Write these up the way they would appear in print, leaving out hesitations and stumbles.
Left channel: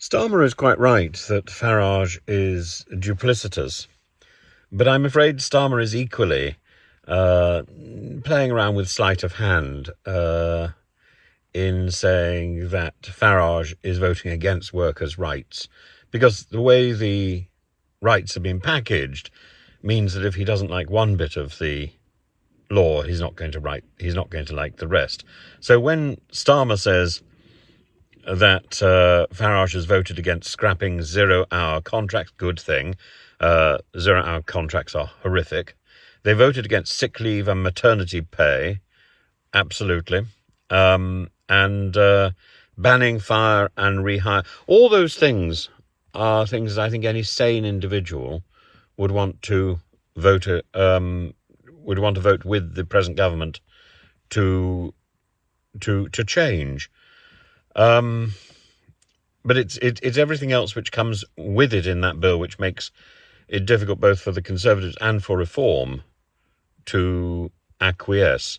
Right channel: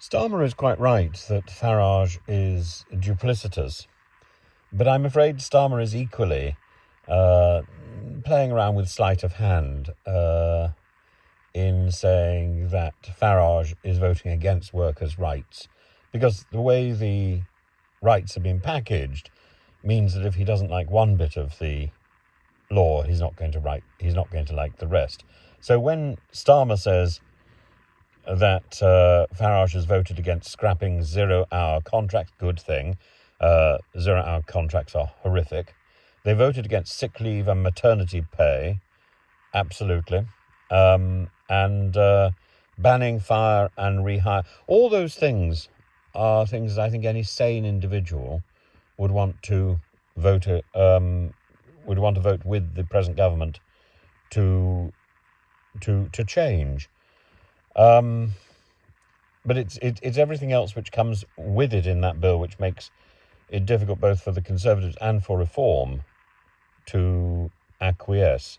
Starmer is quite right that Farage is duplicitous, but I'm afraid Starmer is equally playing around with sleight of hand in saying that Farage is voting against workers' rights, because the way the rights have been packaged means that if he doesn't like one bit of the law, he's not going to like the rest. So when Starmer says that Farage has voted against scrapping 0-hour contracts, good thing. 0-hour contracts are horrific. They voted against sick leave and maternity pay, absolutely. And banning fire and rehire. All those things are things that I think any sane individual would want to vote with the present government to change. But it's everything else which comes with it in that bill which makes it difficult both for the Conservatives and for Reform to acquiesce.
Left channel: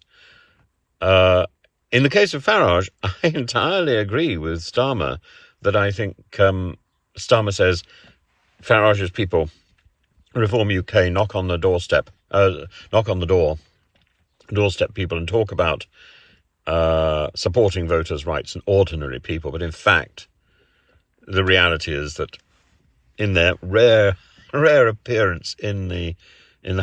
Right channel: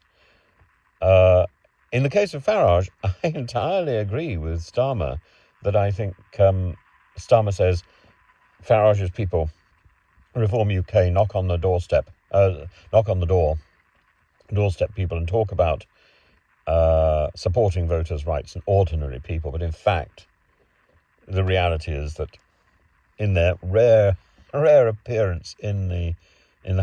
In the case of Farage, I entirely agree with Starmer that I think Starmer says Farage's people, Reform UK, knock on the doorstep people and talk about supporting voters' rights and ordinary people. But in fact, the reality is that in their rare appearance in the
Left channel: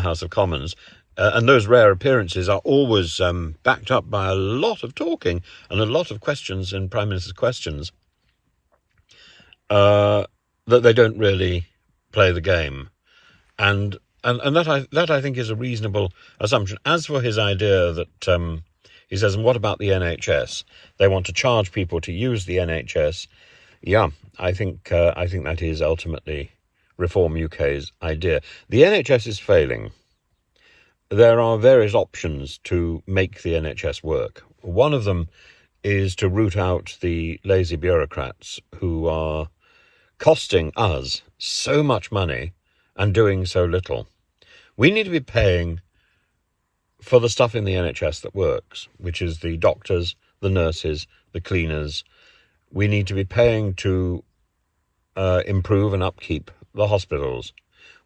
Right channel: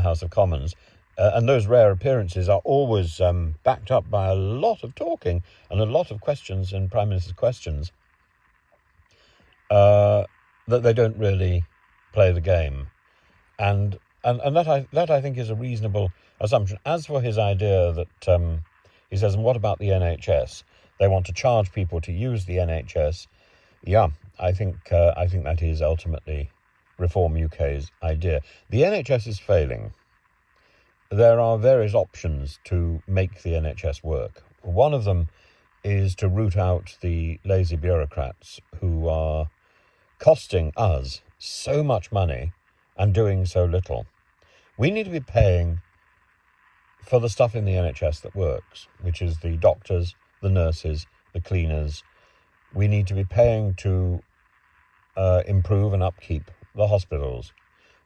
House of Commons, and those rare appearances are always backed up by a lot of talking and a lot of questions in Prime Minister's questions, that they don't really play the game, and that I think is a reasonable assumption. As for his idea that he says, and what about the NHS? They want to charge people to use the NHS. Yeah, I think that is ultimately Reform UK's idea. The NHS is failing. There are various options to make the NHS work. One of them is to root out the lazy bureaucrats who are costing us so much money and doing so little. We need to be paying for the stuff in the NHS that works, which is the doctors, the nurses, the cleaners. We need to be paying to improve and upkeep the hospitals.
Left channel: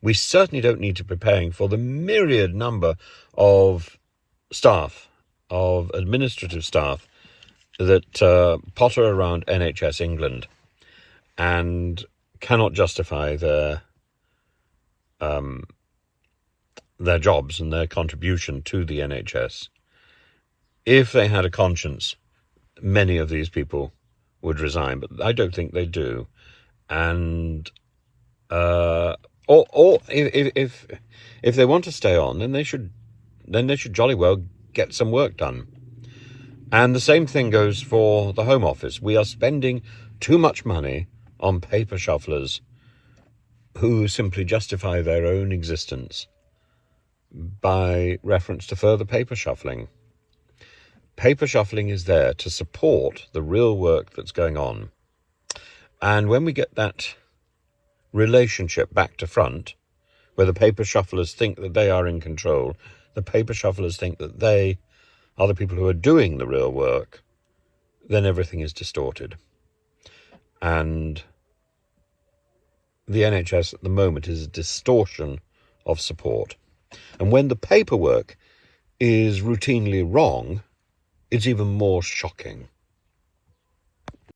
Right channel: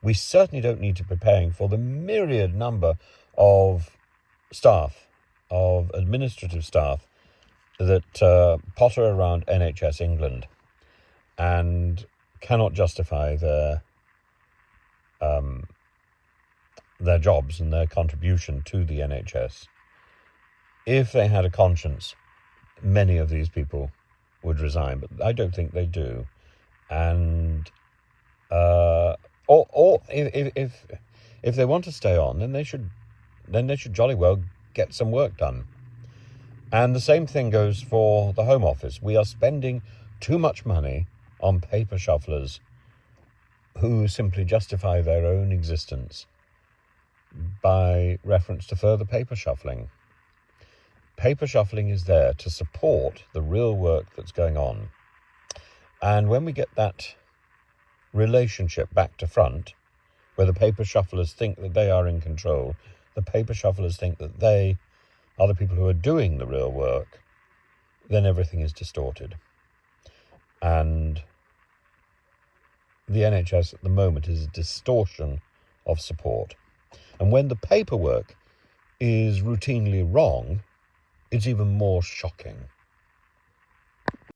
We certainly don't need to be paying for the myriad number of staff, of administrative staff, that potter around NHS England and cannot justify their jobs and their contribution to the NHS. If they had a conscience, many of these people would resign, but I don't think they do. And or if they want to stay on, then they should jolly well get some work done. And the same thing goes for the Home Office. We are spending too much money on paper shufflers who simply justify their own existence by reference to further paper shuffling. Paper shuffling is there to support the real work that's going on. And when we get that relationship back to front, where the paper shufflers think that they are in control, the paper shufflers think that they are the people who are doing the real work, then everything is distorted. And the NHS at the moment is a distortion of support. And when the paperwork is routinely wrong, it's even more shocking.